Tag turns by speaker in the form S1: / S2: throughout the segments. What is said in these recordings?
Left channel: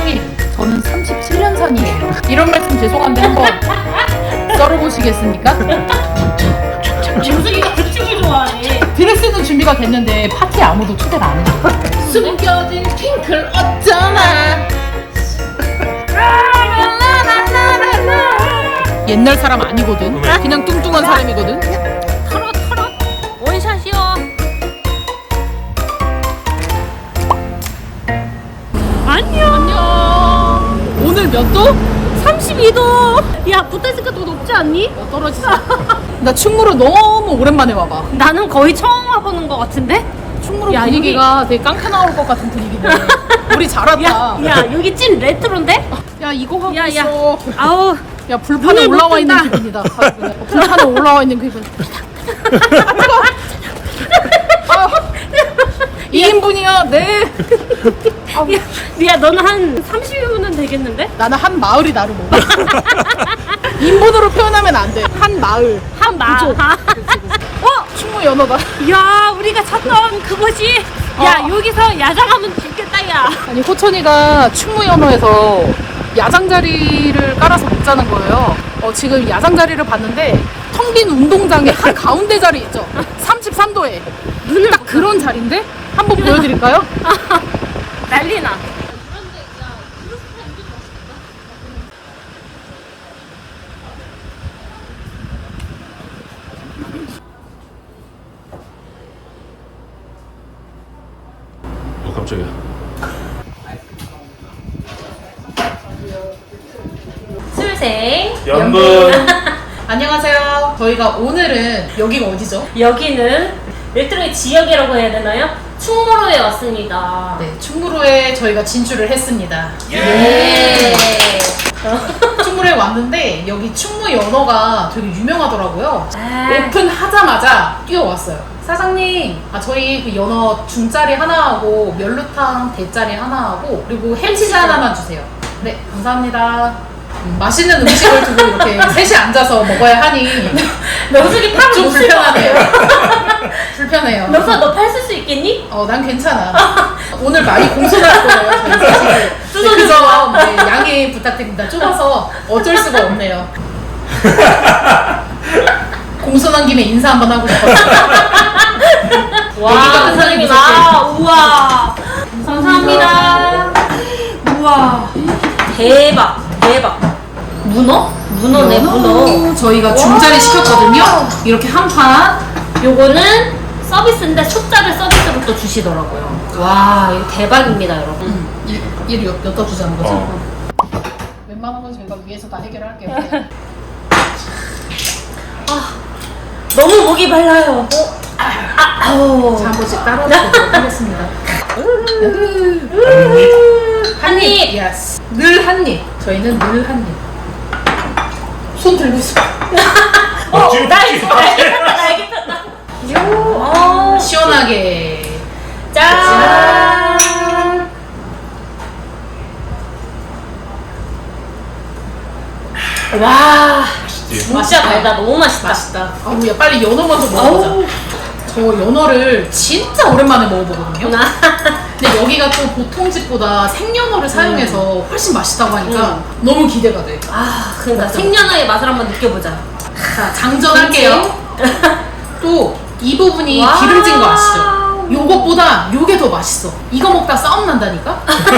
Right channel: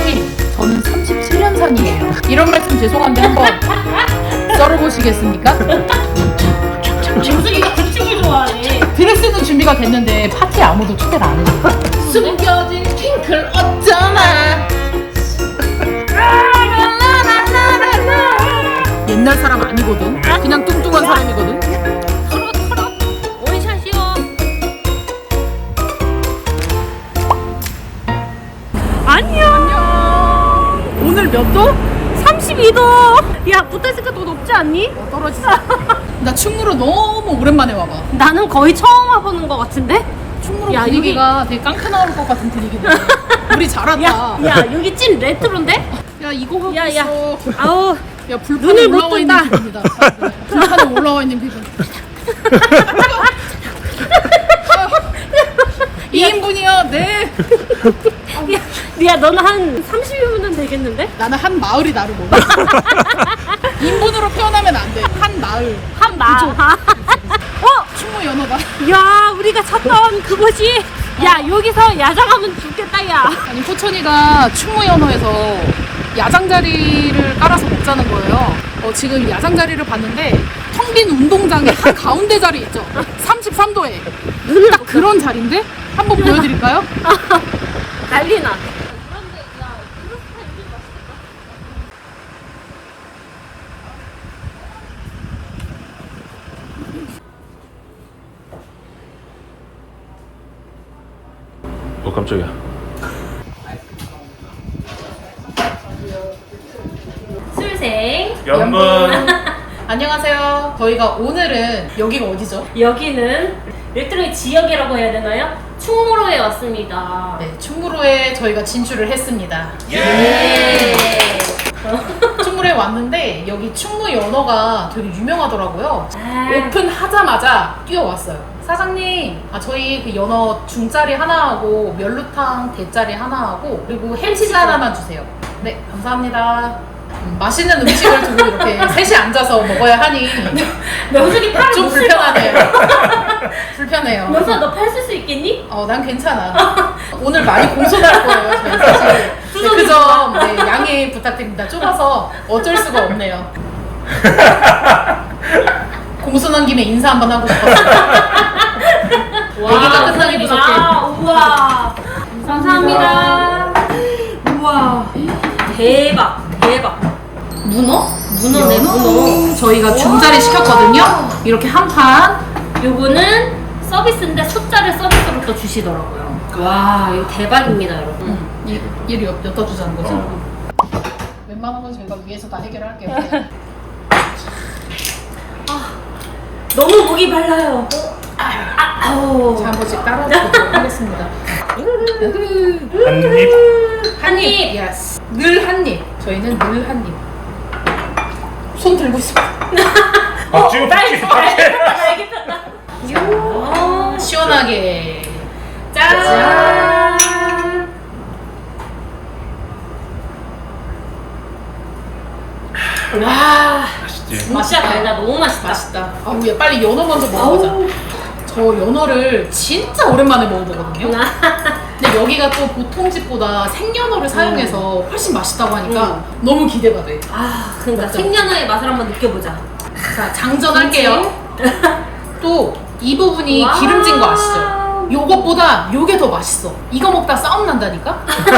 S1: 사장님, 저는 37년산이에요. 이런 말씀 죄송한데 한번 썰어보시겠습니까?
S2: 정수기가 그쪽을 좋아해.
S1: 드레스는 준비가 됐는데 파티에 아무도 초대를 안 해줘. 숨겨진 핑클 어쩌나. 옛날 사람 아니거든. 그냥 뚱뚱한 사람이거든.
S2: 털어 원샷이요. 안녕.
S1: 오늘 몇 도?
S2: 32도. 야, 붙어있으니까 더 높지 않니?
S1: 떨어지자. 나 충무로 너무 오랜만에 와봐.
S2: 나는 거의 처음 와보는 것 같은데?
S1: 충무로
S2: 야,
S1: 분위기가 되게 깡패 나올 것 같은 분위기네. 우리 잘한다.
S2: 야, 여기 찐 레트로인데?
S1: 야, 이거 하고
S2: 야,
S1: 있어.
S2: 아우.
S1: 야, 불판에
S2: 눈을 못
S1: 올라와 있는
S2: 뜬다.
S1: 기분이다. 불판에 올라와 있는 기분. 2인분이야, 네.
S2: 야, 너는 한 30분은 되겠는데?
S1: 나는 한 마을이 나를 몰라. 인분으로 표현하면 안 돼. 한 마을.
S2: 한 마.
S1: 충무 연어다.
S2: 야, 우리가 찾던 그곳이. 야, 여기서 야장하면 죽겠다, 야.
S1: 아니, 호천이가 충무 연어에서 야장 자리를 깔아서 먹자는 거예요. 지금 야장 자리를 봤는데 텅 빈 운동장의 한 가운데 자리 있죠. 33도에. 딱 그런 자리인데 한번 보여드릴까요?
S2: 난리나.
S3: 깜짝이야.
S2: 술생.
S3: 연분.
S1: 안녕하세요. 저희가 오늘은 여기가 어디죠?
S2: 여기는 레트로의 지역이라고 해야 되나요? 충무로에 왔습니다.
S1: 네, 충무로에 저희가 진출을 했습니다.
S3: 예.
S1: 충무로에 왔는데 여기 충무 연어가 되게 유명하더라고요.
S2: 아.
S1: 오픈하자마자 뛰어왔어요. 사장님, 저희 그 연어 중짜리 하나 하고 멸루탕 대짜리 하나 하고 그리고 햄치즈 하나만 주세요. 네, 감사합니다. 맛있는 음식을 두고 이렇게 셋이 앉아서 먹어야 하니
S2: 명숙이 팔을
S1: 좀
S2: 못 쓸 것 같아요.
S1: 불편하네요. 불편해요.
S2: 명숙아, 너 팔 쓸 수 있겠니?
S1: 난 괜찮아. 오늘 많이 공손할 거예요. 저희 사실. 네, 그 점 양해 부탁드립니다. 좁아서 어쩔 수가 없네요. 공손한 김에 인사 한번 하고 싶었어요. 얘기가 끝나기 무섭게.
S2: 우와. 감사합니다. 우와. 대박. 문어? 문어네, 문어.
S1: 저희가 중짜리 시켰거든요. 이렇게 한 판.
S2: 요거는 서비스인데 초짜를 서비스부터 주시더라고요. 와, 이거 대박입니다, 여러분.
S1: 얘를 엿다 주자는 거죠? 웬만한 건 저희가 위에서 다 해결할게요.
S2: 너무 목이 말라요. 아우.
S1: 자, 한 번씩 따라보도록 하겠습니다. 한 입. 예스. 늘 한 입. 저희는 늘 한 입. 손 들고 있어.
S3: 지금
S1: 시원하게.
S2: 짠. 와. 맛이야, 달다. 너무 맛있다.
S1: 맛있다. 야, 빨리 연어 먼저 먹어보자. 저 연어를 진짜 오랜만에 먹어보거든요. 근데 여기가 또 보통 집보다 생연어를 사용해서 훨씬 맛있다고 하니까 너무 기대가 돼.
S2: 그러니까
S1: 맞아.
S2: 생연어의 맛을 한번 느껴보자.
S1: 자, 장전할게요. 또 이 부분이
S2: 와우.
S1: 기름진 거 아시죠? 요것보다 요게 더 맛있어. 이거 먹다 싸움 난다니까?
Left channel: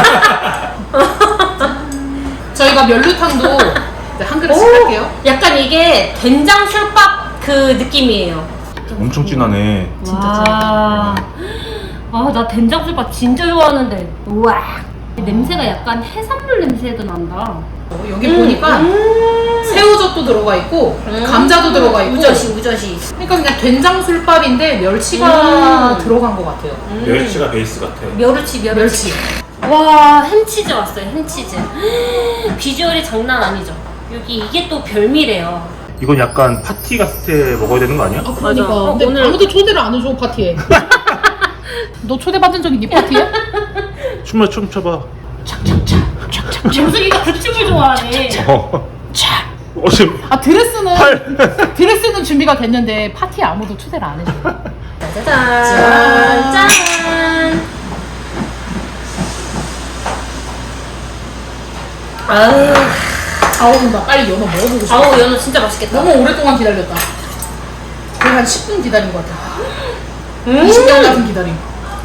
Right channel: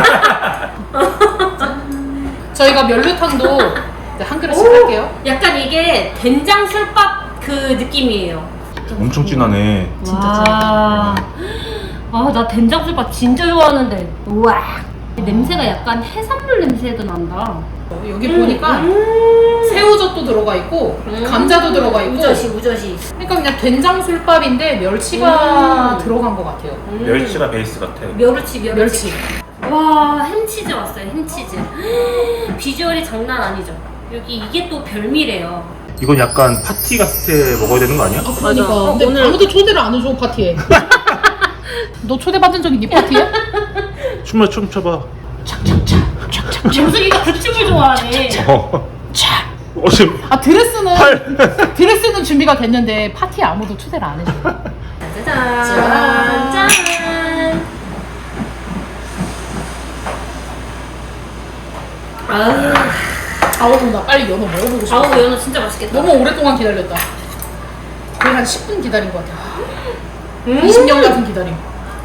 S1: 저희가 멸루탕도 이제 한 그릇씩 할게요.
S2: 약간 이게 된장 술밥 그 느낌이에요.
S3: 엄청 진하네.
S2: 와. 나 된장 술밥 진짜 좋아하는데. 우와. 냄새가 약간 해산물 냄새도 난다.
S1: 여기 보니까 새우젓도 들어가 있고 감자도 들어가 있고
S2: 우저시.
S1: 그러니까 그냥 된장술밥인데 멸치가 들어간 것 같아요.
S3: 멸치가 베이스 같아.
S2: 멸치. 와, 햄치즈 왔어요, 햄치즈. 비주얼이 장난 아니죠. 여기 이게 또 별미래요.
S3: 이건 약간 파티 갔을 때 먹어야 되는 거 아니야?
S1: 그러니까
S2: 맞아.
S1: 근데
S2: 오늘-
S1: 아무도 초대를 안 해줘 파티에. 너 초대받은 적 있니 파티에?
S3: 춤을 좀 춰봐.
S2: 정수기가 그쪽을 좋아하네.
S3: 지금
S1: 드레스는 준비가 됐는데 파티에 아무도 초대를 안 해줘.
S2: 짠.
S1: 아우 나 빨리 연어 먹어보고 싶어.
S2: 아우 연어 진짜 맛있겠다.
S1: 너무 오랫동안 기다렸다. 거의 한 10분 기다린 것 같아. 20년 같은 기다림.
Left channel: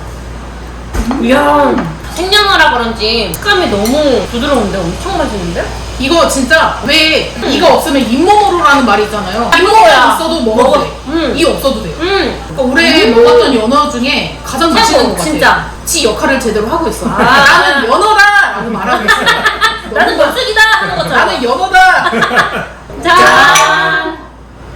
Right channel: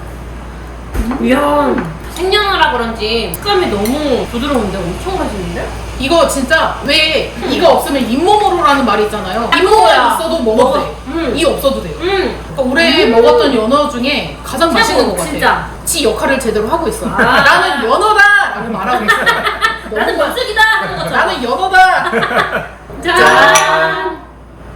S2: 이야 생연어라 그런지 식감이 너무 부드러운데 엄청 맛있는데?
S1: 이거 진짜 왜 이가 없으면 잇몸으로라는 말이 있잖아요. 잇몸만 있어도 먹어도 돼. 이 없어도 돼요. 그러니까 올해 먹었던 연어 중에 가장 맛있는 것 같아요.
S2: 진짜.
S1: 지 역할을 제대로 하고 있어. 나는 연어다! 라고 말하고 있어요.
S2: 나는 원숭이다 하는 거죠.
S1: 나는 연어다!
S2: 짠.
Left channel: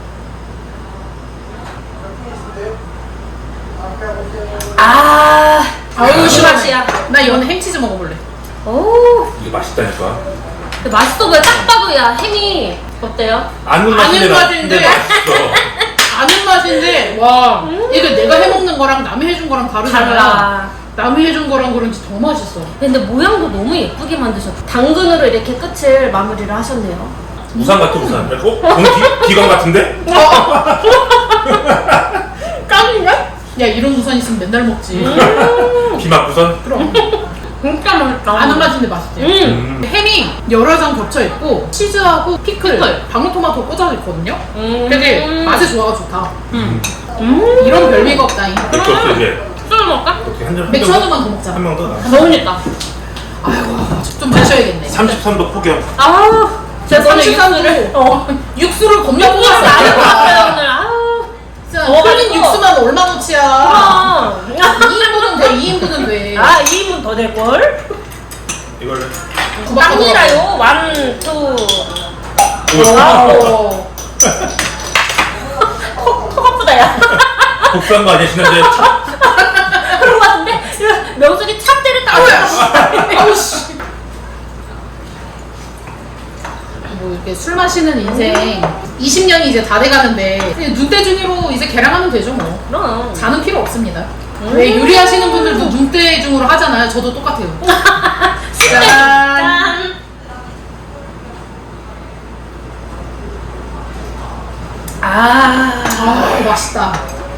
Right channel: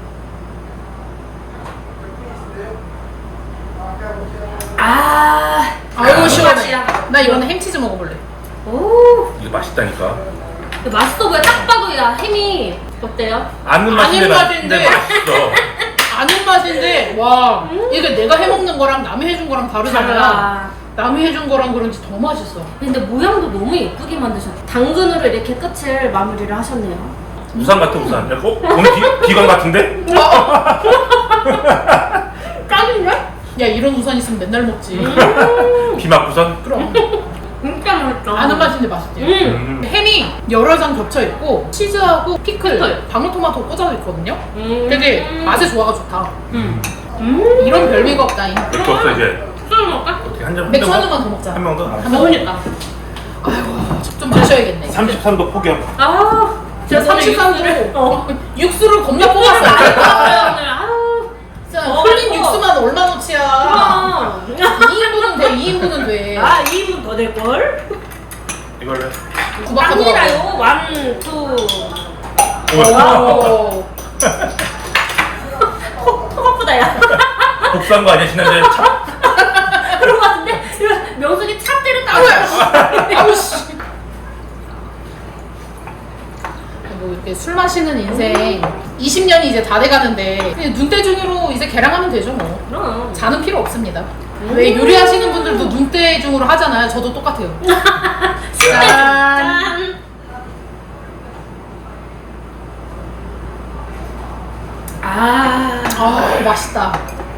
S1: 아유 시원해.
S2: 맛이야.
S1: 나 이번에 햄치즈 먹어볼래.
S2: 오.
S3: 이게 맛있다니까.
S2: 근데 맛있어 보여. 딱 봐도 야 햄이 어때요?
S3: 아는 맛인데
S1: 맛인데.
S3: 맛있어.
S1: 아는 맛인데 와 이게 내가 해먹는 거랑 남이 해준 거랑 다르잖아요.
S2: 달라.
S1: 남이 해준 거랑 그런지 더 맛있어.
S2: 근데 모양도 너무 예쁘게 만드셨어. 당근으로 이렇게 끝을 마무리를 하셨네요.
S3: 우산 같아 우산. 야, 기관 같은데?
S1: 깡인가? 야 이런 우산 있으면 맨날 먹지.
S3: 비막 우산?
S1: 그럼
S2: 진짜 맛있다.
S1: 아는 맛인데 맛있대. 햄이 여러 장 겹쳐 있고 치즈하고 피클,
S2: 피클.
S1: 방울토마토 꽂아져 있거든요. 되게 맛이 좋아가 좋다. 이런 별미가 없다잉.
S3: 맥주 없어 이제.
S2: 술 먹을까?
S3: 어떻게 한 잔?
S1: 맥주 한 잔만 더 먹자.
S3: 한명 더.
S2: 너무 됐다.
S1: 아이고 좀 마셔야겠네.
S3: 33도 폭염.
S2: 아,
S1: 제가 33도 육수를 겁나
S2: 아,
S1: 뽑았어.
S2: 오늘 아우.
S1: 진짜
S2: 어,
S1: 흘린
S2: 이거.
S1: 육수만 얼마나치야. 2인분은 돼. 2인분은 돼.
S2: 아, 2분 더 될 걸?
S3: 이걸로.
S1: 구박하더라고.
S2: 갑니다요. 1, 2.
S1: 와우.
S2: 턱 아프다 야.
S3: 복수한 거 아니야 지난주에?
S2: 그런 거 같은데 명순이 찹 때린다.
S1: 아우 씨. 뭐 이렇게 술 마시는 인생 20년이 이제 다 돼가는데 그냥 눈대중으로 이제 개량하면 되죠 뭐.
S2: 그럼.
S1: 자는 필요 없습니다. 왜 요리하시는 분들도 눈대중으로 하잖아요. 저도 똑같아요. 짠.
S2: 짠.
S1: 아 맛있다.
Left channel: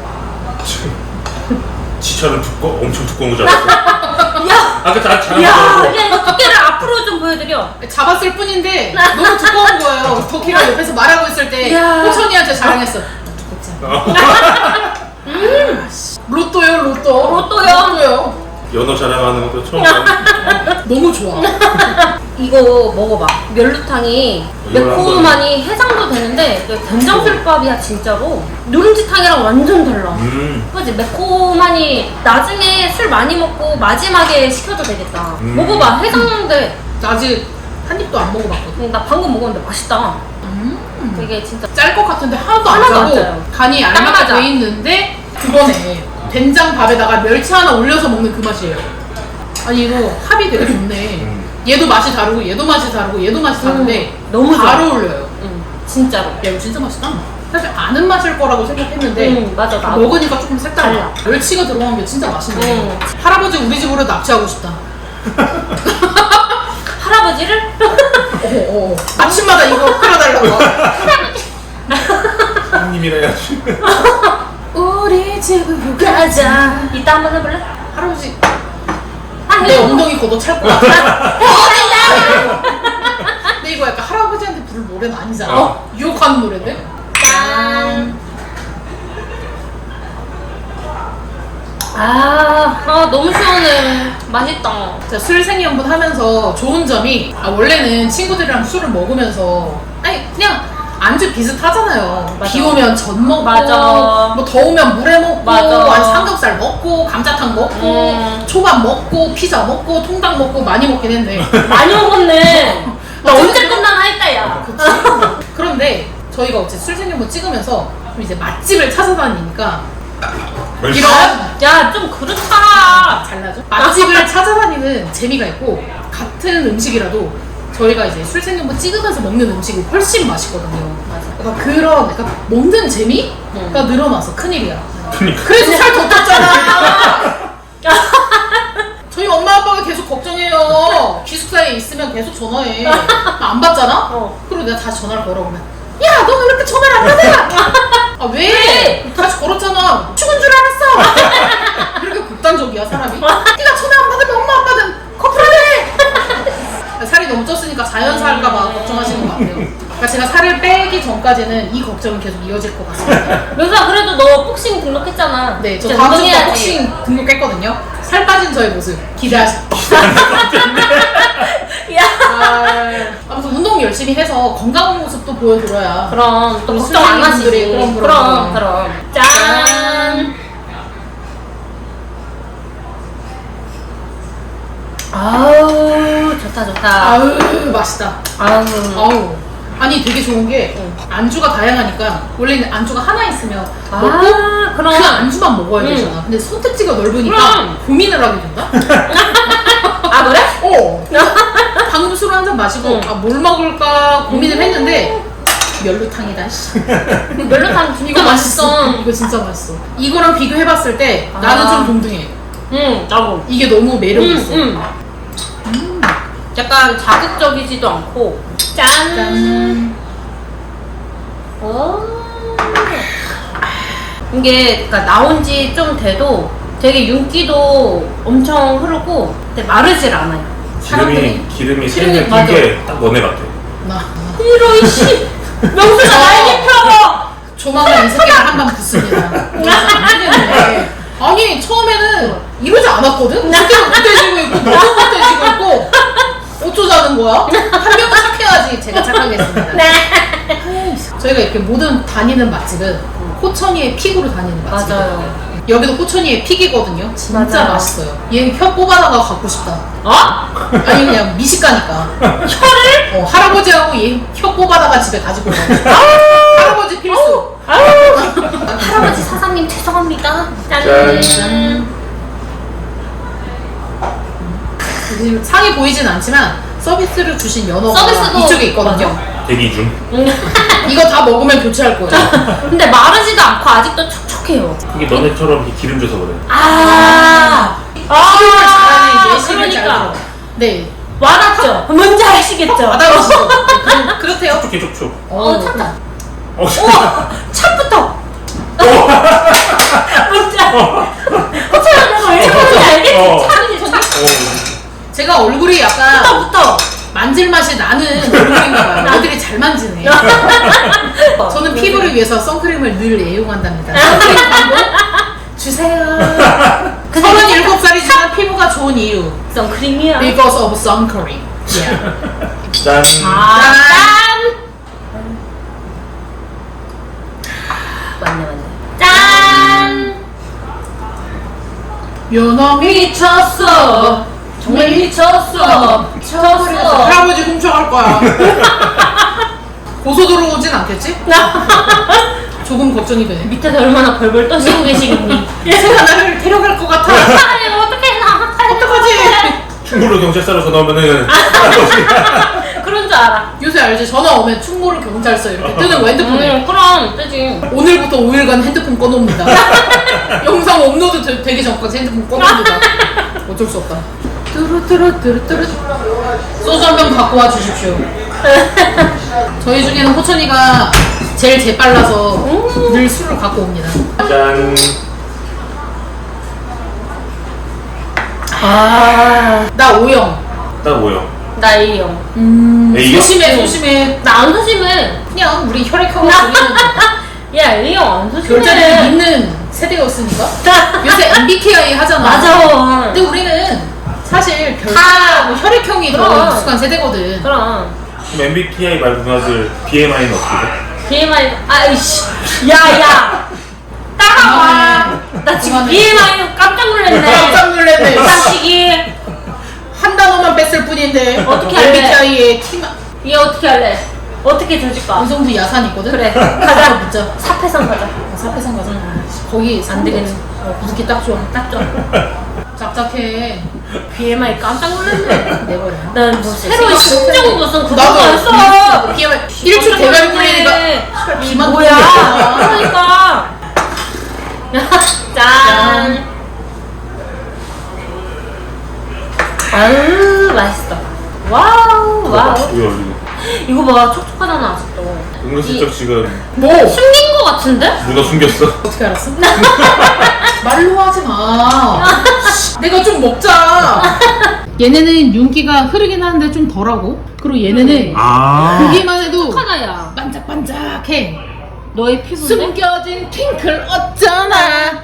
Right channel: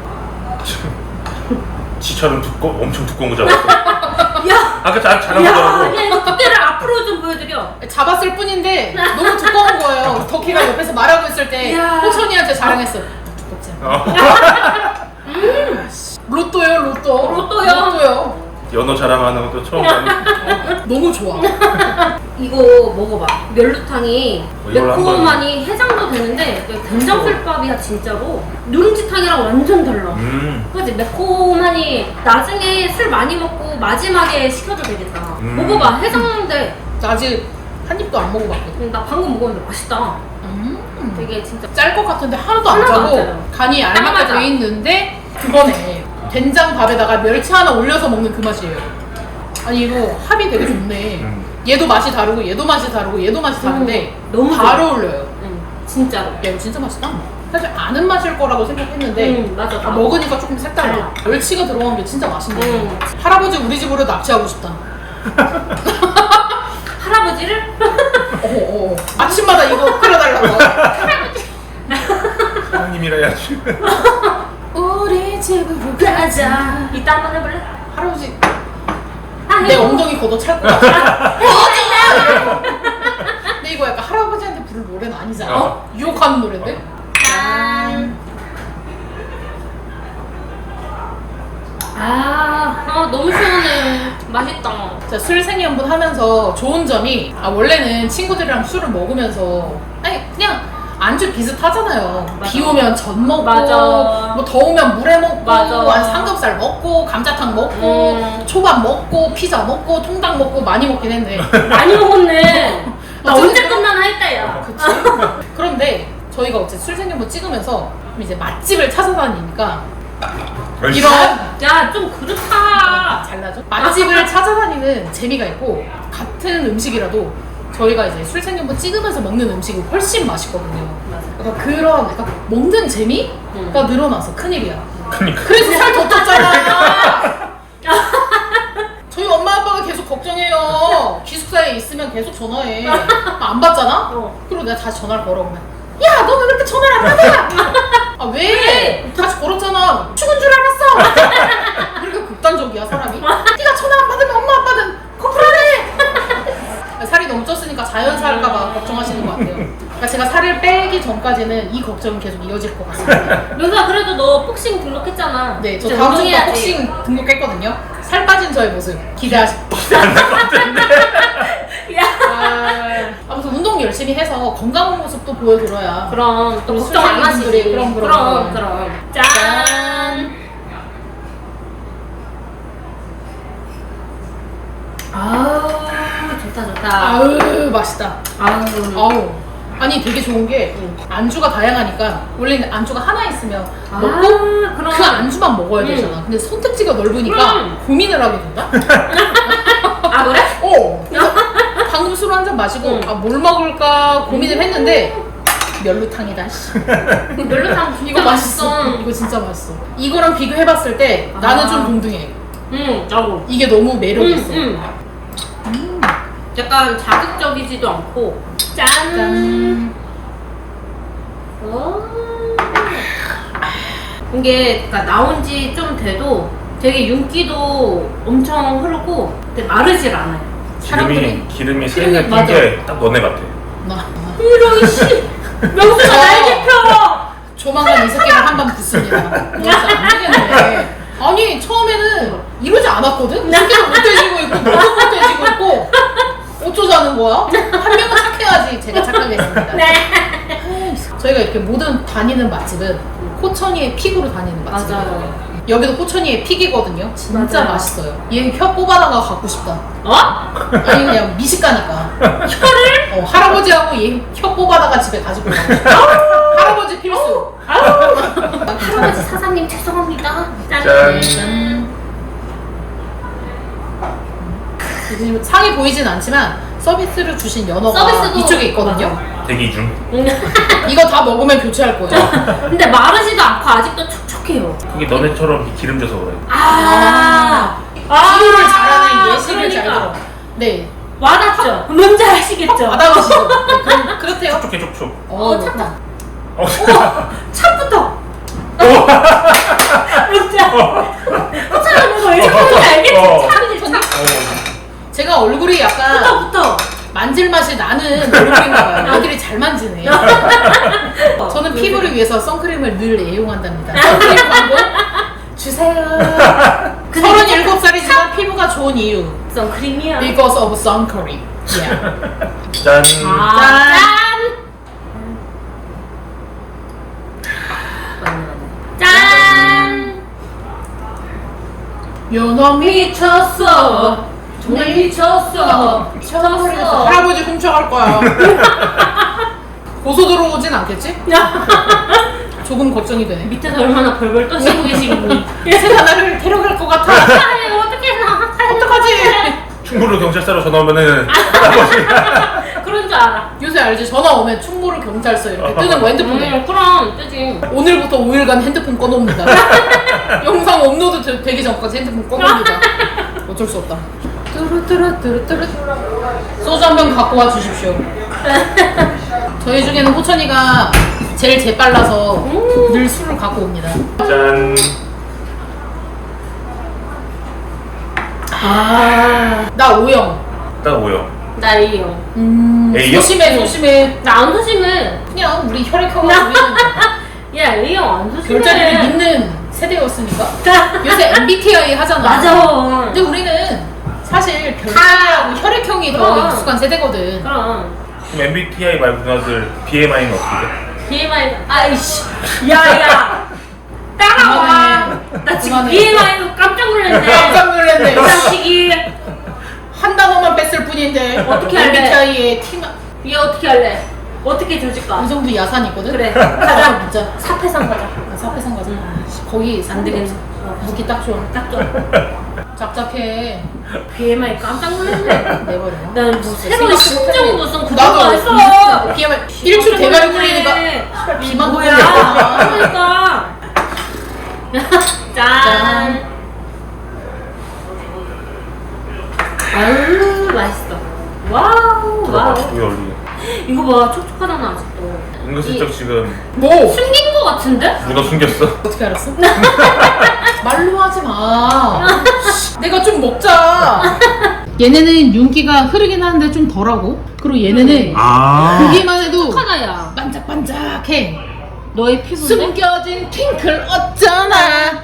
S3: 지처럼 엄청 두꺼운 거 줄 알았어.
S2: 야.
S3: 아까 잘한
S2: 야,
S3: 거라고.
S2: 야 이거 두께를 앞으로 좀 보여드려.
S1: 잡았을 뿐인데 너무 두꺼운 거예요. 덕희가 옆에서 말하고 있을 때
S2: 야.
S1: 호천이한테 자랑했어. 두껍지 않아? 로또요 로또.
S2: 로또요?
S1: 로또요.
S3: 연어 자랑하는 것도 처음 봤는데.
S1: 너무 좋아.
S2: 이거 먹어봐. 멸루탕이
S3: 이걸
S2: 매콤하니 해장도 되는데 된장술밥이야 진짜로. 누룽지탕이랑 완전 달라. 그지? 매콤하니 나중에 술 많이 먹고 마지막에 시켜도 되겠다. 먹어봐. 해장돼.
S1: 나 아직 한 입도 안 먹어봤거든.
S2: 나 방금 먹었는데 맛있다. 되게 진짜
S1: 짤 것 같은데 하나도 안
S2: 하나도 안
S1: 짜고
S2: 짜요.
S1: 간이
S2: 딱
S1: 알맞게
S2: 맞아.
S1: 돼 있는데 그거네. 된장 밥에다가 멸치 하나 올려서 먹는 그 맛이에요. 아니 이거 합이 되게 좋네. 얘도 맛이 다르고 얘도 맛이 다르고 얘도 맛이 다른데
S2: 너무
S1: 잘
S2: 좋아.
S1: 어울려요.
S2: 진짜로.
S1: 야 이거 진짜 맛있다. 사실 아는 맛일 거라고 생각했는데
S2: 맞아.
S1: 아, 먹으니까 조금 색달라. 멸치가 들어간 게 진짜 맛있네. 할아버지 우리 집으로 납치하고 싶다.
S2: 할아버지를?
S1: 어어. 아침마다 이거 끓여달라고.
S3: 형님이라 해야지.
S1: 우리 집으로
S2: 가자. 이따 한번 해볼래?
S1: 할아버지
S2: 아,
S1: 내 엉덩이 걷어 찰 것 같아. 근데 이거 약간 할아버지한테 부를 노래는 아니잖아. 유혹하는 노래인데?
S2: 짠. 너무 시원해. 맛있다.
S1: 자, 술 생연분 하면서 좋은 점이 원래는 친구들이랑 술을 먹으면서 아니 그냥 안주 비슷하잖아요.
S2: 맞아.
S1: 비 오면 전 먹고
S2: 맞아.
S1: 뭐 더우면 물회 먹고
S2: 맞아.
S1: 아니 삼겹살 먹고 감자탕 먹고 초밥 먹고 피자 먹고 통닭 먹고 많이 먹긴 했네.
S2: 많이 먹었네.
S1: 나
S2: 언제
S1: 오늘-
S2: 끝나나 했다 야.
S1: 그치? 그런데 저희가 어째 술 생연분 찍으면서 좀 이제 맛집을 찾아다니니까 이런
S2: 야 좀 그렇잖아.
S1: 잘나죠? 맛집을 찾아다니는 재미가 있고 같은 음식이라도 저희가 이제 술 생연분 찍으면서 먹는 음식이 훨씬 맛있거든요. 그러니까 그런 그러니까 먹는 재미가 늘어나서 큰일이야.
S3: 그러니까.
S1: 그래서 살 더 쪘잖아. 저희 엄마 아빠가 계속 걱정해요. 기숙사에 있으면 계속 전화해. 안 받잖아? 그리고 내가 다시 전화를 걸어 보면 야 너는 왜 이렇게 전화를 안 받아? 아 왜? 다시 걸었잖아. 죽은 줄 알았어. 이렇게 극단적이야 사람이. 네가 전화 안 받으면 엄마 아빠는 커플하래. 살이 살이 너무 쪘으니까 자연살까봐 걱정하시는 것 같아요. 그러니까 제가 살을 빼기 전까지는 이 걱정은 계속 이어질 것 같습니다.
S2: 명수야 그래도 너 복싱 등록했잖아.
S1: 네, 저
S2: 이제
S1: 다음 주부터
S2: 운동해야지.
S1: 복싱 등록했거든요. 살 빠진 저의 모습 기대하시.
S2: 야.
S1: 아무튼 운동 열심히 해서 건강한 모습도 보여드려야.
S2: 그럼 또
S1: 우리
S2: 걱정 안 하시지.
S1: 수련님들이 그럼.
S2: 짠. 아우 좋다.
S1: 아우 맛있다.
S2: 아우.
S1: 아우. 아니 되게 좋은 게
S2: 응.
S1: 안주가 다양하니까 원래는 안주가 하나 있으면
S2: 아,
S1: 먹고
S2: 그럼.
S1: 그 안주만 먹어야
S2: 응.
S1: 되잖아. 근데 선택지가 넓으니까
S2: 그럼.
S1: 고민을 하게 된다.
S2: 아 그래?
S1: 방금 술 한 잔 마시고
S2: 응.
S1: 아 뭘 먹을까 고민을 했는데 멸루탕이다. 씨.
S2: 멸루탕 진짜
S1: 이거 맛있어. 이거 진짜 맛있어. 이거랑 비교해봤을 때 나는
S2: 아.
S1: 좀 동등해.
S2: 나도.
S1: 이게 너무 매력 있어.
S2: 약간 자극적이지도 않고 짠.
S1: 짠.
S2: 오. 이게 그러니까 나온 지 좀 돼도 되게 윤기도 엄청 흐르고 근데 마르질 않아요.
S1: 사람들이
S3: 기름이 새는
S1: 맞아.
S3: 게 딱 너네 같아.
S1: 나
S2: 이런 씨. 명수가 날개 펴고.
S1: 조만간 이 새끼를 한번 붙습니다. 안 되겠네. 아니 처음에는 이러지 않았거든? 이 새끼는 못돼지고 있고 너도 못돼지고 있고 어쩌자는 거야? 한 명은 착해야지. 제가 착하겠습니다.
S2: 네.
S1: 저희가 이렇게 모든 다니는 맛집은 호천이의 픽으로 다니는 맛집이에요.
S2: 맞아요.
S1: 여기도 호천이의 픽이거든요. 진짜
S2: 맞아요.
S1: 맛있어요. 얘는 혀 뽑아다가 갖고 싶다.
S2: 어?
S1: 아니 그냥 미식가니까.
S2: 혀를?
S1: 할아버지하고 얘 혀 뽑아다가 집에 가지고 가고 싶다. 할아버지 필수.
S2: 할아버지 사장님 죄송합니다.
S3: 짠.
S1: 짠. 지금 상이 보이진 않지만 서비스를 주신 연어가
S2: 서비스도
S1: 이쪽에 있거든요.
S3: 대기 중.
S1: 이거 다 먹으면 교체할 거예요.
S2: 근데 마르지도 않고 아직도 촉촉해요.
S3: 그게 너네처럼 이렇게 기름 줘서 그래.
S1: 비교를 잘하는 예시를 잘
S2: 그러니까.
S1: 들어. 네.
S2: 와닿죠? 뭔지 아시겠죠?
S1: 와닿으시죠? 네, 그렇대요.
S3: 촉촉해 촉촉.
S2: 찼다.
S3: 어,
S2: 찻부터. 진짜. 호텔하면서 왜 이렇게 알겠지?
S3: 어.
S2: 차들이 차.
S1: 제가 얼굴이 약간
S2: 부터.
S1: 만질 맛이 나는 얼굴인가 봐요. 애들이 잘 만지네. 저는 피부를 위해서 선크림을 늘 애용한답니다. 선크림 광고 주세요. 37살이지만 피부가 좋은 이유.
S2: 선크림이야.
S1: Because of sun cream. Yeah.
S3: 짠.
S2: 짠. 맞네. 짠.
S1: 연어
S2: 미쳤어. 정말 미쳤어. 미쳤어.
S1: 할아버지 훔쳐갈 거야. 고소 들어오진 않겠지? 조금 걱정이 되네.
S2: 밑에서 얼마나 벌벌 떠시고 계시겠니?
S1: 얘가 나를 데려갈 것 같아.
S2: 어떡해 나.
S1: 어떡하지?
S3: 충무로 경찰서로 전화 오면은
S2: 그런 줄 알아.
S1: 요새 알지? 전화 오면 충무로 경찰서 이렇게 뜨는 거 핸드폰에.
S2: 그럼 뜨지.
S1: 오늘부터 5일간 핸드폰 꺼놓습니다. 영상 업로드 되기 전까지 핸드폰 꺼놓습니다. 어쩔 수 없다. 뚜루뚜루뚜루뚜루. 소주 한 병 갖고 와 주십시오. 저희 중에는 호천이가 제일 재빨라서 늘 술을 갖고 옵니다.
S3: 짠.
S1: 나 O형.
S3: 딱 뭐요?
S2: 나 A형.
S3: A형?
S1: 소심해.
S2: 나 안 소심해.
S1: 그냥 우리 혈액형으로 우리는
S2: 야 A형 안 소심해.
S1: 별자리를 믿는 세대였으니까. 요새 MBTI 하잖아.
S2: 맞아.
S1: 근데 우리는 사실 별자리하고 혈액형이 더
S2: 그럼.
S1: 익숙한 세대거든.
S2: 그럼.
S3: 그럼 MBTI 말고 누나들 BMI는 어떻게 돼?
S2: BMI 아이씨. 야야. 따가워. 나 지금
S1: 그만해.
S2: BMI 깜짝 놀랐네.
S1: 깜짝 놀랐네.
S2: 장식이.
S1: 한 단어만 뺐을 뿐인데
S2: 어떻게 할래?
S1: MBTI의 팀
S2: 얘 어떻게 할래? 어떻게 조질까?
S1: 어느 정도 야산이 있거든?
S2: 그래.
S1: 가자 묻자.
S2: 사패상 가자.
S1: 사패상 가자. 거기
S2: 안 되겠네.
S1: 묵기 딱 좋아.
S2: 딱 좋아.
S1: 짭짭해.
S2: BMI 깜짝 놀랐네.
S1: 내버려.
S2: 난뭐 새로운 심정 무슨 그거
S1: 나도
S2: 했어.
S1: BMI 1초 대가리 굴리니까 비만
S2: 뭐야?
S1: 돌리니까.
S2: 그러니까. 짠. 아유 맛있어. 와우
S3: 봐봐,
S2: 와우.
S3: 왜 얼굴이.
S2: 이거 봐 촉촉하잖아 아직도.
S3: 은근슬쩍 지금
S1: 뭐?
S2: 숨긴 거 같은데?
S3: 문어 숨겼어.
S1: 어떻게 알았어? 말로 하지 마. 내가 좀 먹자. 얘네는 윤기가 흐르긴 하는데 좀 덜하고, 그리고 얘네는 보기만 해도
S2: 착하다 야.
S1: 반짝반짝해.
S2: 너의 피부인데?
S1: 숨겨진 핑클 어쩌나.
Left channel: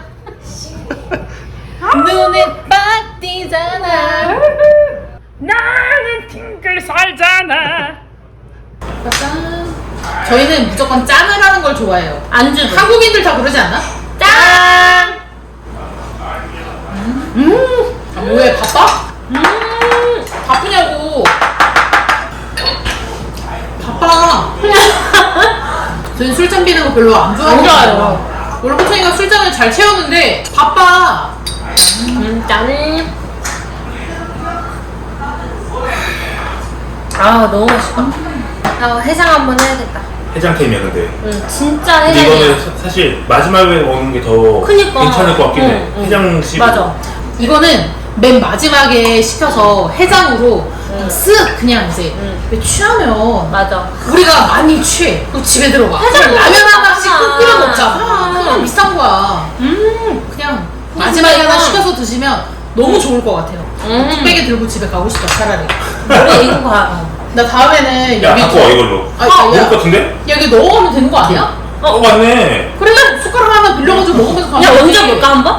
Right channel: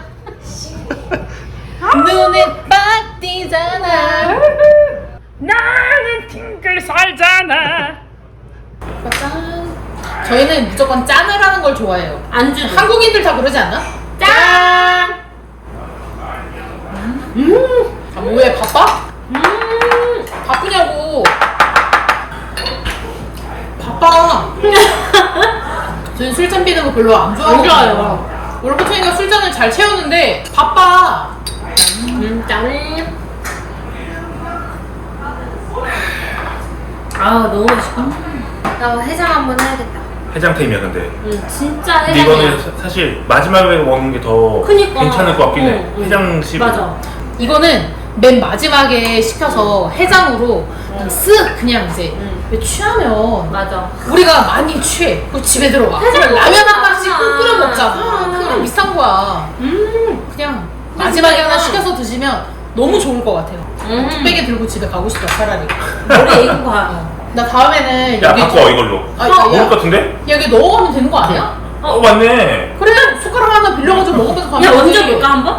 S1: 눈에 빡 띄잖아. 나는 핑클 살잖아. 짠. 저희는 무조건 짠을 하는 걸 좋아해요.
S2: 안주.
S1: 한국인들 다 그러지 않나? 짠. 아 뭐해 바빠? 바쁘냐고. 바빠. 저희 술잔 비는 거 별로 안 좋아하거든요.
S2: 안 좋아해요.
S1: 원래 호청이가 술잔을 잘 채우는데 바빠.
S2: 짠. 아 너무 맛있다. 나 해장 한번 해야겠다.
S3: 해장템이야 근데.
S2: 응 진짜
S3: 근데
S2: 해장이야.
S3: 이거는 사실 마지막에 먹는 게 더
S2: 그니까.
S3: 괜찮을 것 같긴 해.
S2: 응.
S3: 해장식.
S2: 맞아.
S1: 이거는 맨 마지막에 시켜서 해장으로 쓱 그냥 이제 왜 취하면
S2: 맞아.
S1: 우리가 많이 취해. 그리고 집에 들어가. 그냥 라면 하나씩 꼭 끓여 먹잖아.
S2: 음.
S1: 그냥 비싼 거야. 그냥 마지막에 하나 시켜서 드시면 너무 좋을 것 같아요. 뚝배기 들고 집에 가고 싶다 차라리.
S2: 너가 이긴 거야.
S1: 나 다음에는
S3: 야
S1: 여기
S3: 갖고 와 이걸로.
S1: 아,
S3: 먹을
S1: 야,
S3: 것 같은데?
S1: 여기 넣어가면 되는 거 아니야?
S3: 맞네.
S1: 그래 숟가락 하나 빌려가지고 먹으면서 가면
S2: 야 먼저
S1: 되지.
S2: 볼까 한번?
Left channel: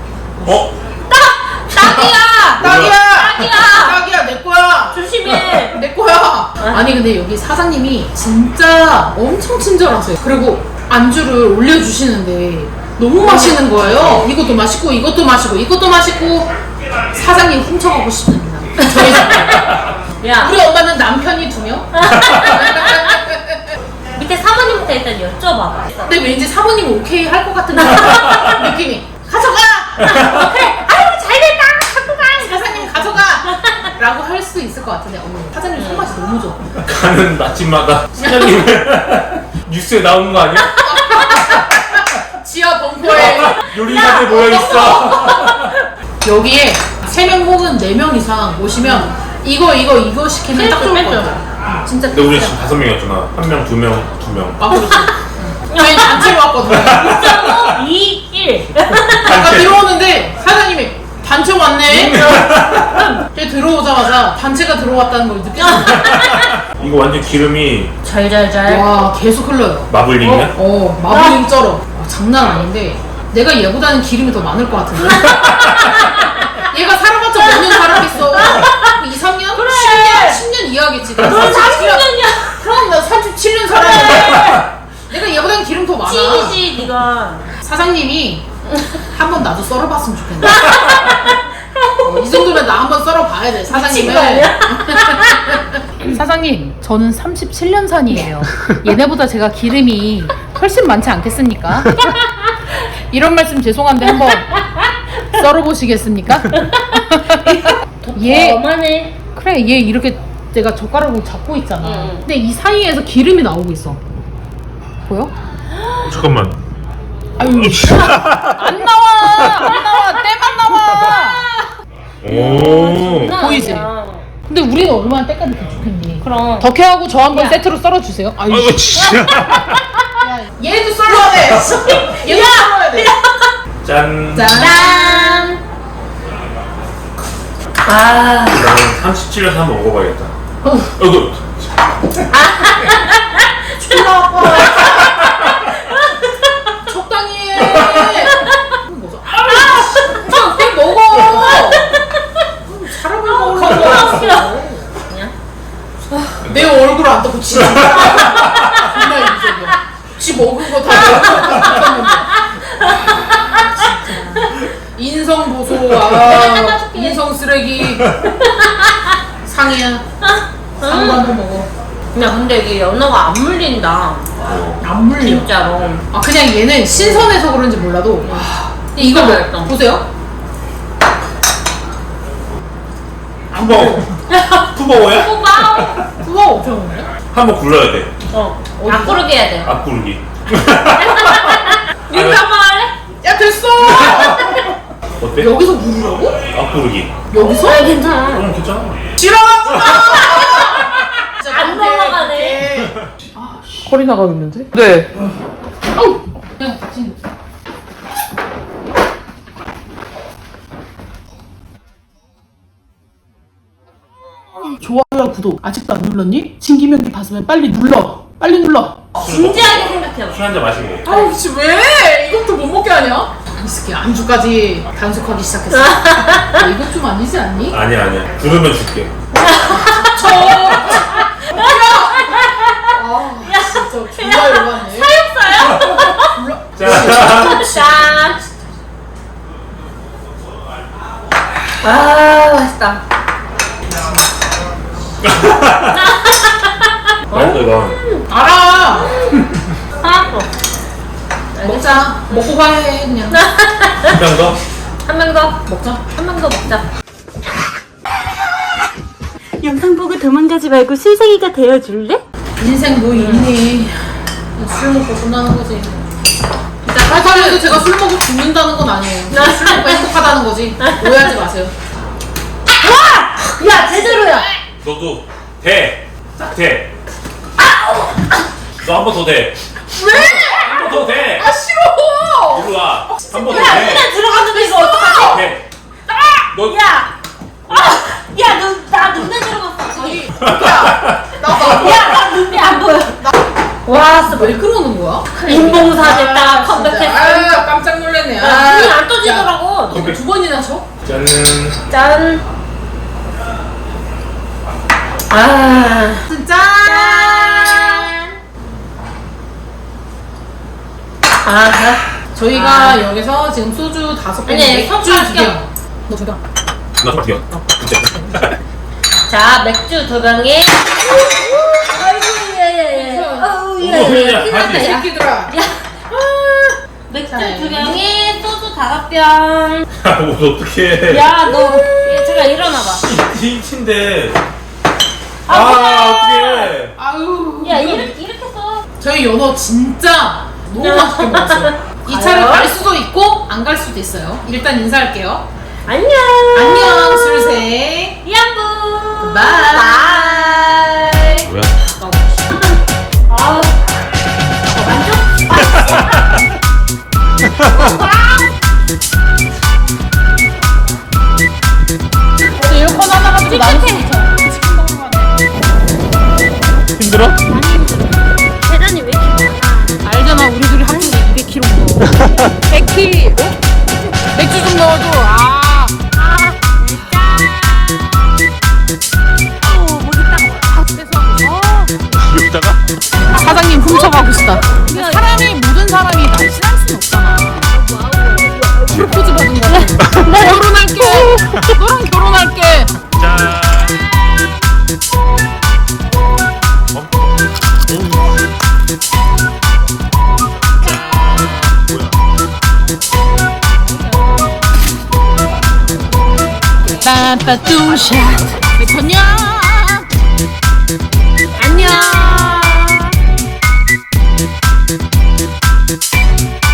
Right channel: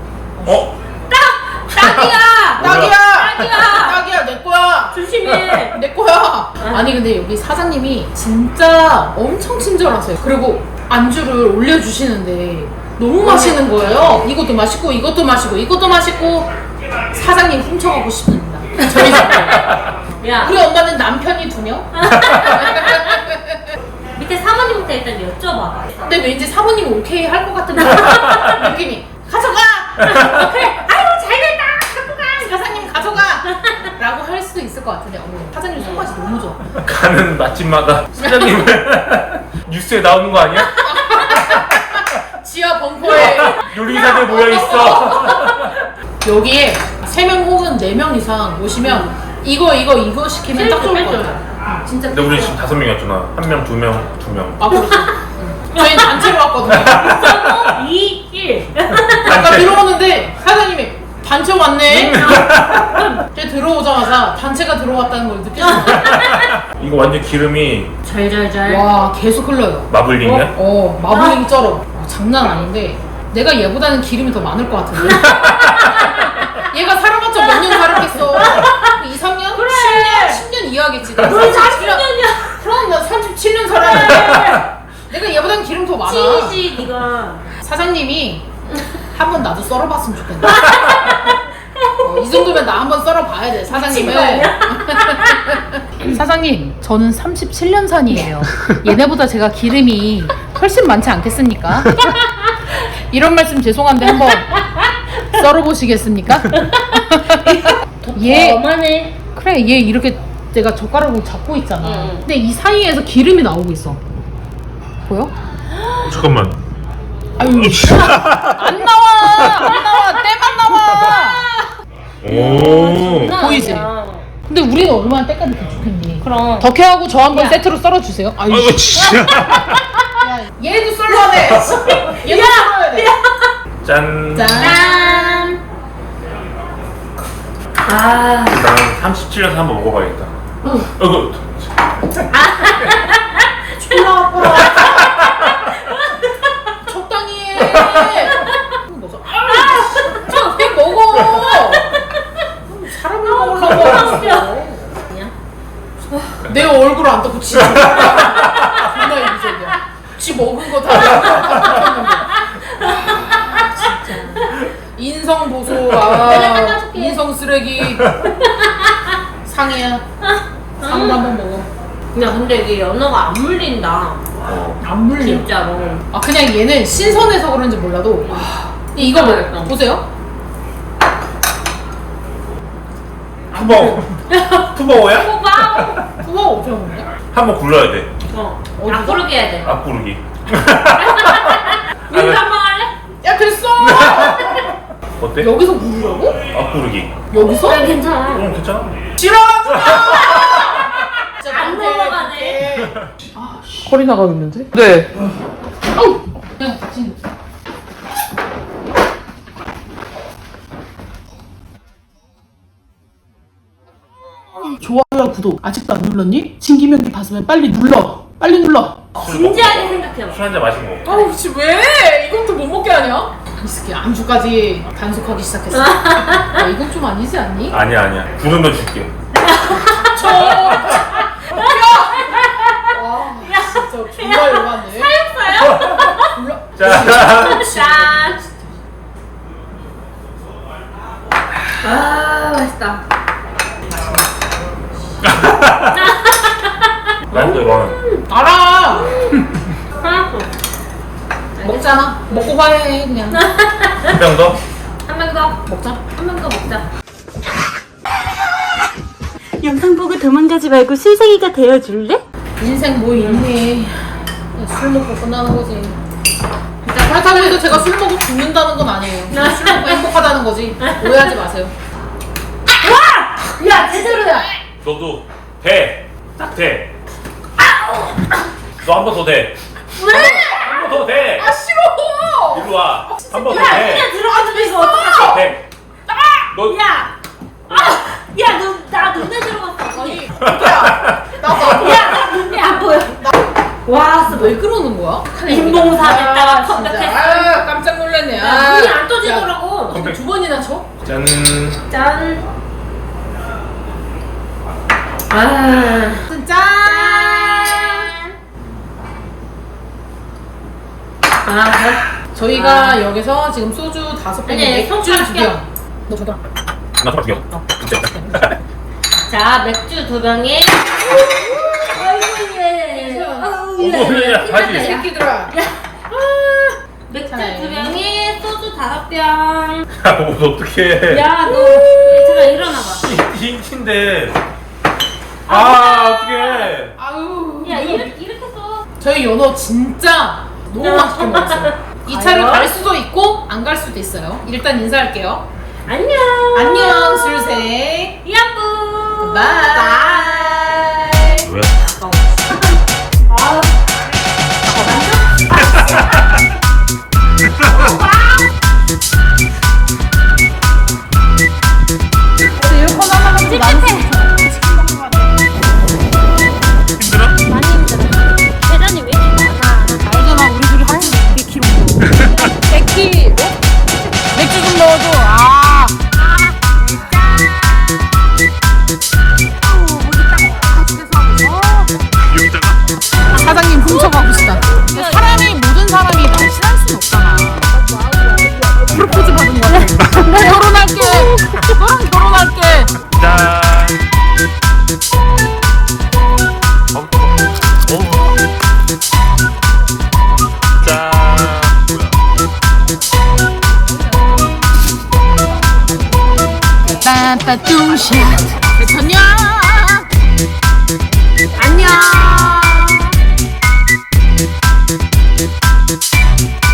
S2: 딱이야.
S1: 딱이야 내 거야.
S2: 조심해.
S1: 내 거야. 아니 근데 여기 사장님이 진짜 엄청 친절하세요. 그리고 안주를 올려주시는데 너무 맛있는 거예요. 이것도 맛있고 이것도 맛있고 이것도 맛있고. 사장님 훔쳐가고 싶습니다. 저희 집에.
S2: 야
S1: 우리 엄마는 남편이 2명.
S2: 밑에 사모님한테 일단 여쭤봐.
S1: 근데 왠지 사모님 오케이 할 것 같은 그런 느낌이. 가져가. 그래. 아유 잘됐다. 갖고 가. 사장님 가져가. 라고 할 수 있을 것 같은데 사장님 손맛이 너무 좋아.
S3: 가는 맛집마다 사장님 뉴스에 나오는 거 아니야?
S1: 지하 벙커에
S3: 요리사들 모여 있어.
S1: 여기에 3명 혹은 4명 이상 오시면 이거 시키면 딱 좋을 것 같아요. 진짜.
S3: 근데 우리 지금 5명이었잖아. 1명, 2명, 2명.
S1: 아 그렇죠. 저희는 단체로 왔거든요.
S2: 2, 1.
S1: 아까 들어오는데 사장님이 단체 왔네. 저희 들어오자마자 단체가 들어왔다는 걸 느꼈어요.
S3: 이거 완전 기름이
S2: 잘잘잘.
S1: 와 계속 흘러요.
S3: 마블링이야?
S1: 마블링 쩔어. 장난 아닌데 내가 얘보다는 기름이 더 많을 것 같은데. 얘가 살아봤자 몇 년 살았겠어. 2, 3년?
S2: 그래.
S1: 10년 이하겠지. 나
S2: 넌
S1: 37년.
S2: 40년이야.
S1: 그럼 나 37년 살았는데 내가 얘보다는 기름 더 많아.
S2: 찐이지 니가.
S1: 사장님이 한 번 나도 썰어봤으면 좋겠네. 이 정도면 나 한 번 썰어봐야 돼 사장님을. 사장님 저는 37년 산이에요. 얘네보다 제가 기름이 훨씬 많지 않겠습니까? 이런 말씀 죄송한데 한번 썰어보시겠습니까? 얘
S2: 어마네.
S1: 그래 얘 이렇게 내가 젓가락으로 잡고 있잖아.
S2: 응.
S1: 근데 이 사이에서 기름이 나오고 있어. 보여?
S3: 잠깐만.
S1: 아유 안 나와 때만 나와.
S3: 오.
S1: 보이지? 근데 우리는 얼마나 때까지 더 좋겠니?
S2: 그럼.
S1: 덕혜하고 저 한 번
S2: 야.
S1: 세트로 썰어주세요. 아유
S3: 아이고 진짜.
S1: 야, 얘도 썰어야 돼. 얘도 썰어야 돼.
S3: 짠.
S1: 짠.
S2: 아.
S3: 나는 37년에 한번 먹어봐야겠다. 아이고.
S1: 졸라 아파. 적당히 해. 먹어. 아, 땡 먹어. 사람을 먹으려고 왔어. 내 얼굴 안 닦고 지 존나 이기적이야. 지 먹은 거 다 내 얼굴 닦았는데. 인성 보소. 인성 쓰레기. 상이야. 상도 한번 먹어.
S2: 야 근데 이게 연어가 안 물린다.
S1: 안 물려.
S2: 진짜로.
S1: 아 그냥 얘는 신선해서 그런지 몰라도 와. 근데 이거 뭐 보세요.
S3: 푸버거. 푸버거야?
S2: 호박.
S1: 후가 어떻게 먹네?
S3: 한번 굴러야 돼.
S1: 어디서?
S2: 앞구르기 해야 돼.
S3: 앞구르기.
S2: 민수 한번 할래?
S1: 야 됐어.
S3: 어때?
S1: 여기서 누르라고?
S3: 앞구르기.
S1: 여기서?
S2: 괜찮아.
S3: 괜찮아.
S1: 싫어.
S2: 안 넘어가네.
S1: 허리 나가겠는데? 네. 아우. 야, 지금. 구독 아직도 안 눌렀니? 진기명기 봤으면 빨리 눌러. 빨리 눌러.
S2: 진지하게 생각해요.
S3: 술 한잔 마시고.
S1: 아유 씨 왜? 이것도 못 먹게 하냐? 이 새끼 안주까지 단속하기 시작했어. 이건 좀 아니지 않니?
S3: 아니야. 부르면 줄게.
S1: 진짜 졸라 열받네. 졸라.
S3: 자.
S2: 짠. 아 맛있다.
S3: 맛있다 이건.
S1: 알아.
S2: 하얗고.
S1: 먹자. 먹고 화해 그냥.
S3: 한 병 더?
S2: 한 명 더.
S1: 먹자.
S2: 한 명 더 먹자.
S4: 영상 보고 도망가지 말고 술생이가 되어줄래?
S1: 인생 뭐 있니? 술 먹고 끝나는 거지. 그렇다고 해서 제가 술 먹고 죽는다는 건 아니에요. 그냥 술 먹고 행복하다는 거지. 오해하지 마세요.
S2: 야 제대로야.
S3: 너도 대. 딱 대. 너 한 번 더 대.
S1: 왜?
S3: 한 번 더 대.
S1: 아 싫어.
S3: 이리 와. 한 번 더
S2: 야
S3: 대.
S2: 그냥 들어가도 이거 어떡하지?
S3: 대. 너.
S2: 야. 야 너 나 눈에 들어갔어.
S1: 아니 야 나도
S2: 야나 눈이 안 보여.
S1: 와 진짜 왜 그러는 거야?
S2: 인봉사 됐다.
S1: 아,
S2: 컴백했어.
S1: 진짜. 아 깜짝 놀랐네. 아,
S2: 눈이 안 떠지더라고.
S1: 이거 두 번이나 쳐?
S3: 짠.
S2: 짠. 아.
S1: 진짜.
S2: 아.
S1: 저희가 여기서 지금 소주 5병,
S2: 아니,
S1: 맥주
S2: 소주
S1: 2병. 너 저병.
S3: 나 정말 죽여. 진짜.
S2: 자 맥주 2병에.
S3: 오야
S1: 이
S3: 바지.
S1: 새끼들아.
S2: 맥주
S1: 자,
S2: 2병에 소주 5병.
S3: 어떡해.
S2: 야 너 제가 일어나봐.
S3: 이친데. 어떡해.
S1: 아유.
S2: 야
S1: 이거
S2: 이렇게 써.
S1: 저희 연어 진짜 너무 맛있게 먹었어요. 이 차를 갈 수도 있고 안 갈 수도 있어요. 일단 인사할게요.
S2: 안녕.
S1: 안녕 술생.
S2: 이안부.
S1: 바이.
S3: 뭐야?
S2: 아우.
S1: 에어컨 하나 가지고 나는 치킨 먹으러 가네.
S3: 힘들어?
S4: 많이 힘들어. 계란이 왜 이렇게 많아?
S1: 알잖아 우리 둘이 합쳐서 200kg. 100kg? 맥주 좀 넣어줘. 아.
S3: 귀엽다가?
S1: 사장님 훔쳐가고 싶다. 사람이 모든 사람이 날씬할 순 없잖아. 프로포즈 받은 거 같아. 결혼할게. 너랑 결혼할게.
S3: 짠.
S1: 빠빠뚜샷. 배터냐? 안녕.